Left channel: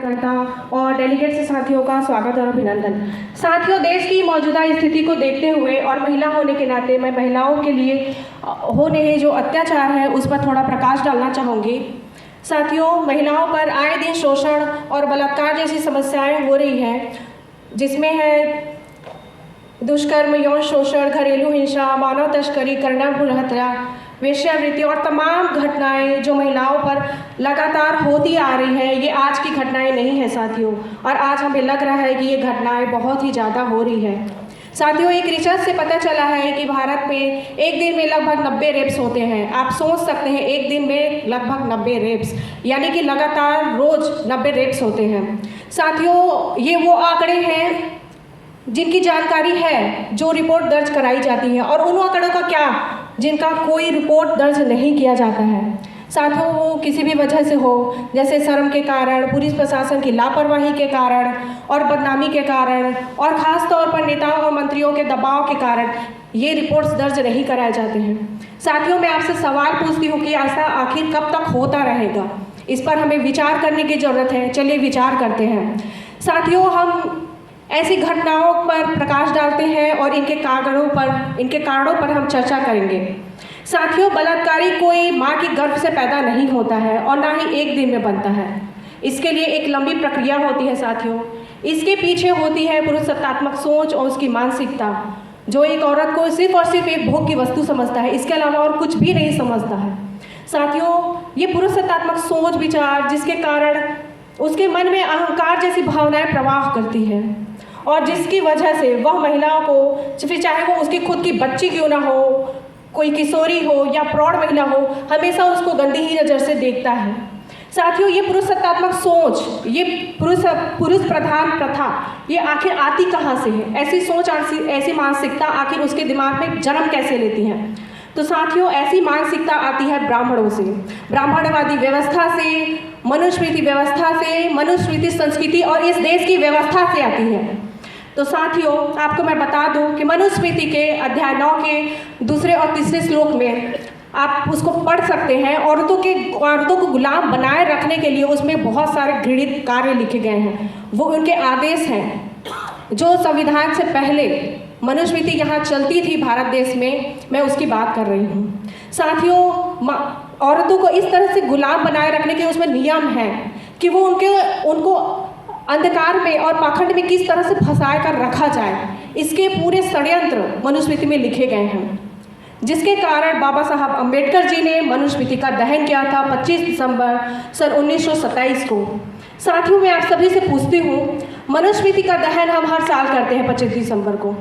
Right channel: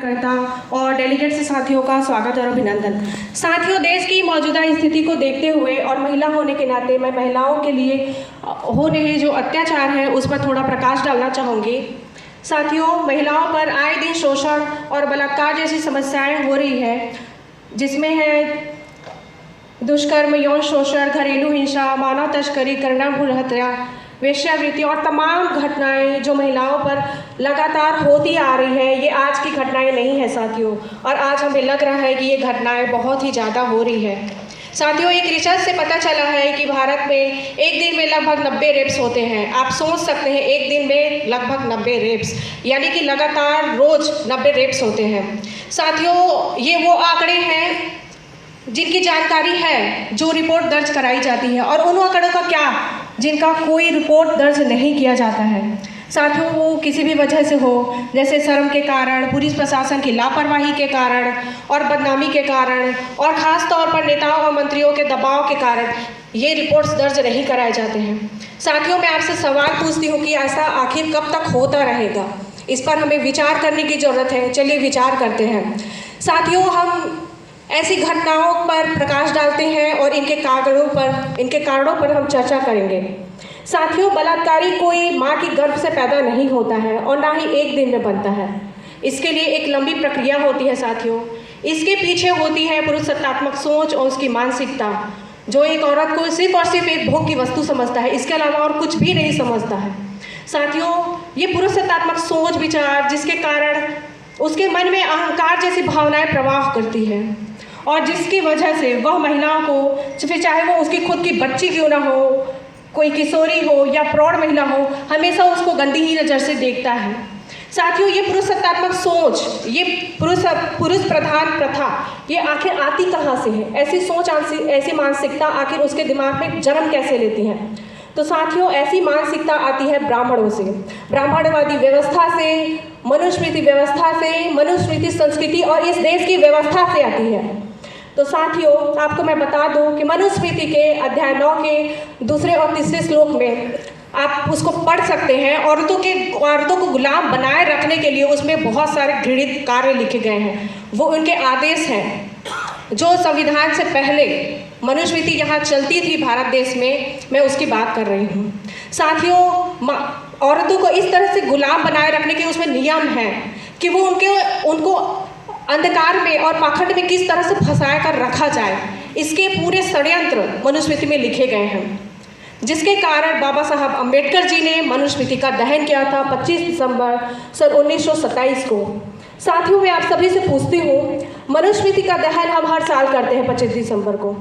करता और डेलीगेट से साथियों का स्वागत और अभिनंदन। साथियों, देश की मौजूदा स्थिति को देखते हुए और महिला होने के नाते मैं महिलाओं के लिए हो रहे जो अत्याचार है उस पर थोड़ा प्रकाश डालना चाहूँगी। साथियों, महिलाओं पर आए दिन शोषण और बलात्कार जैसी समस्याएं हो रही है, जिसमें है दुष्कर्म, यौन शोषण, घरेलू हिंसा, मानव तस्करी, कन्या भ्रूण हत्या, वेश्यावृत्ति और तमाम घटनाएं जो महिलाओं पर लगातार होती आ रही है। ये आज की घटनाएं नहीं है साथियों, और आज हमें लग रहा है कि ये घटनाएं बहुत ही ज़्यादा हो रही है। साथियों, एक रिसर्च से पता चला है कि भारत में एक दिन में लगभग 90 रेप्स होते हैं। आप सोच सकते हैं, एक दिन में लगभग 90 रेप्स, यानी कि लगातार रोज 90 रेप्स होते हैं। साथियों, ये वो आंकड़े हैं जिनकी जानकारी है, जो रिपोर्ट दर्ज कराई जाती है, और उन आंकड़ों का क्या जिनका कोई रिपोर्ट दर्ज नहीं किया जाता है। साथियों, वो किसी भी वजह से हो, जैसे शर्म के कारण, पुलिस प्रशासन की लापरवाही के कारण और बदनामी के कारण, और ख़ास तौर पर नेताओं और मंत्रियों के दबाव के कारण ये रिपोर्ट्स दर्ज नहीं कराए जाते हैं। साथियों, मैं आपसे सवाल पूछती हूँ कि ऐसा आखिर कब तक होता रहेगा? इस पर हमें विचार करने की ज़रूरत है। चलिए विचार करते हैं। साथियों, हम ऐसी घटनाओं पर प्रकाश डालते हैं और इनके कारणों पर हम चर्चा करेंगे। साथियों, बलात्कारी कोई माँ की गर्भ से पैदा नहीं होता है और ना ही एक दिन में बनता है। इसके लिए एक लंबी प्रक्रिया होती है साथियों। इसके पीछे होती है पुरुषात्मक सोच और उसकी मानसिकता, जो एक औरत को सिर्फ और सिर्फ एक भोग की वस्तु समझता है, इसके अलावा और कुछ भी नहीं समझता है। साथियों, ये पुरुषात्मक सोच विचार जिसके कारण उसके मन में अहंकार जैसी भावनाएं प्रवाह करती है, और जिसकी वजह से वह महिलाओं को, फिर चाहे वो उसकी खुद की बच्ची क्यों ना हो, कोई किशोरी हो या प्रौढ़ महिला हो, हमेशा उसको गंदी ही नज़र से देखता है। साथियों, ये पुरुषात्मक सोच, ये पुरुष प्रधान प्रथा, ये आखिर आती कहाँ से है? ऐसी सोच, ऐसी मानसिकता आखिर उसके दिमाग में जन्म कैसे लेती है? तो साथियों, ऐसी मानसिकता आती है ब्राह्मणों से, ब्राह्मणवादी व्यवस्था से, मनुस्मृति व्यवस्था से, मनुस्मृति संस्कृति और इस देश की व्यवस्था से आती है। तो साथियों, आपको मैं बता दूं कि मनुस्मृति के अध्याय 9 के 2 और 3 श्लोक में आप उसको पढ़ सकते हैं। औरतों को गुलाम बनाए रखने के लिए उसमें बहुत सारे घृणित कार्य लिखे गए हैं। वो उनके आदेश हैं जो संविधान से पहले मनुस्मृति यहाँ चलती थी भारत देश में, मैं उसकी बात कर रही हूँ। साथियों, औरतों को इस तरह से गुलाम बनाए रखने के उसमें नियम हैं कि वो उनको अंधकार में और पाखंड में किस तरह से फंसा कर रखा जाए, इसके पूरे षड्यंत्र मनुस्मृति में लिखे गए हैं, जिसके कारण बाबा साहब अम्बेडकर जी ने मनुस्मृति का दहन किया था 25 दिसंबर सन 1927 को। साथियों, मैं आप सभी से पूछती हूँ, मनुस्मृति का दहन हम हर साल करते हैं 25 दिसंबर को।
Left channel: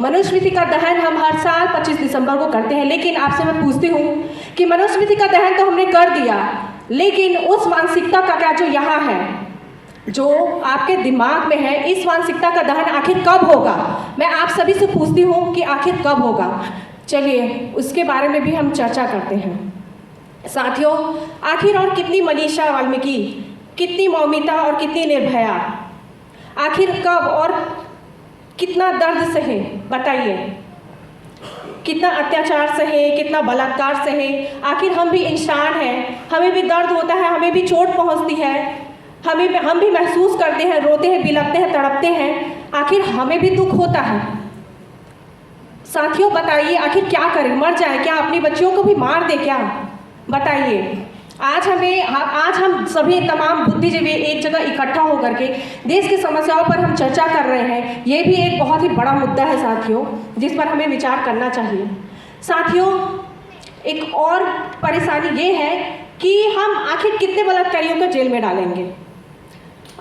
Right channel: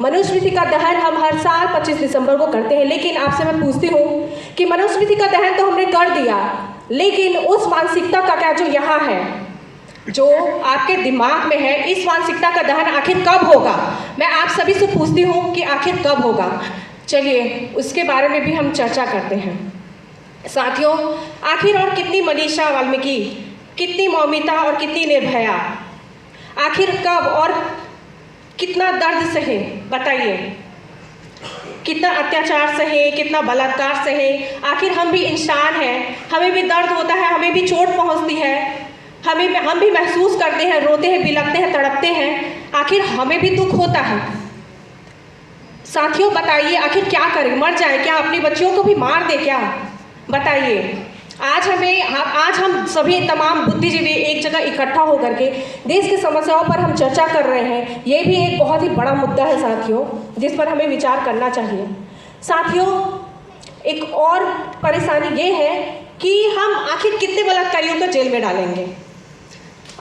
मनुस्मृति का दहन हम हर साल 25 दिसंबर को करते हैं, लेकिन आपसे मैं पूछती हूँ कि मनुस्मृति का दहन तो हमने कर दिया, लेकिन उस मानसिकता का क्या जो यहाँ है, जो आपके दिमाग में है, इस मानसिकता का दहन आखिर कब होगा? मैं आप सभी से पूछती हूँ कि आखिर कब होगा? चलिए उसके बारे में भी हम चर्चा करते हैं। साथियों, आखिर और कितनी मनीषा वाल्मीकि, कितनी मौमिता और कितनी निर्भया, आखिर कब और कितना दर्द सहे? बताइए, कितना अत्याचार सहे, कितना बलात्कार सहे? आखिर हम भी इंसान हैं, हमें भी दर्द होता है, हमें भी चोट पहुंचती है, हम भी महसूस करते हैं, रोते हैं, बिलखते हैं, तड़पते हैं, आखिर हमें भी दुख होता है। साथियों, बताइए आखिर क्या करें? मर जाए क्या? अपनी बच्चियों को भी मार दे क्या? बताइए। आज हम सभी तमाम बुद्धिजीवी एक जगह इकट्ठा होकर के देश की समस्याओं पर हम चर्चा कर रहे हैं। ये भी एक बहुत ही बड़ा मुद्दा है साथियों, जिस पर हमें विचार करना चाहिए। साथियों, एक और परेशानी ये है कि हम आखिर कितने बलात्कारियों को जेल में डालेंगे?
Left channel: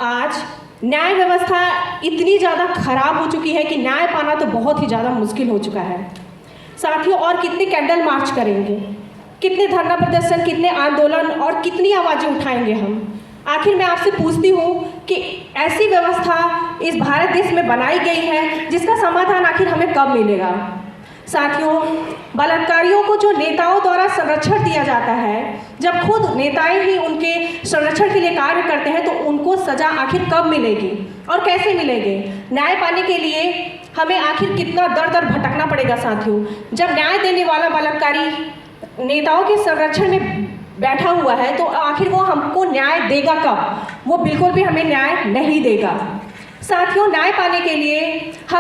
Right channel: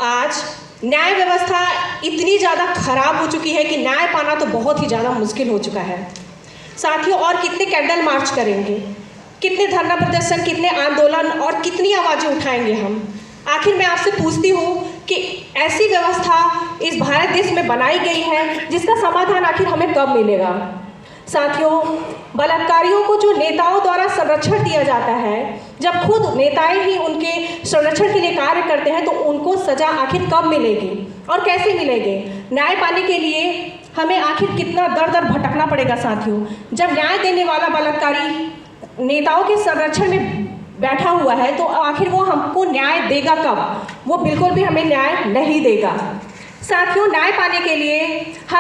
आज न्याय व्यवस्था इतनी ज़्यादा खराब हो चुकी है कि न्याय पाना तो बहुत ही ज़्यादा मुश्किल हो चुका है। साथियों, और कितने कैंडल मार्च करेंगे, कितने धरना प्रदर्शन, कितने आंदोलन और कितनी आवाज़ें उठाएंगे हम? आखिर मैं आपसे पूछती हूँ कि ऐसी व्यवस्था इस भारत देश में बनाई गई है, जिसका समाधान आखिर हमें कब मिलेगा? साथियों, बलात्कारियों को जो नेताओं द्वारा संरक्षण दिया जाता है, जब खुद नेताएं ही उनके संरक्षण के लिए कार्य करते हैं, तो उनको सजा आखिर कब मिलेगी और कैसे मिलेगी? न्याय पाने के लिए हमें आखिर कितना दर दर भटकना पड़ेगा साथियों? जब न्याय देने वाला बलात्कारी नेताओं के संरक्षण में बैठा हुआ है, तो आखिर वो हमको न्याय देगा कब? वो बिल्कुल भी हमें न्याय नहीं देगा। साथियों, न्याय पाने के लिए हम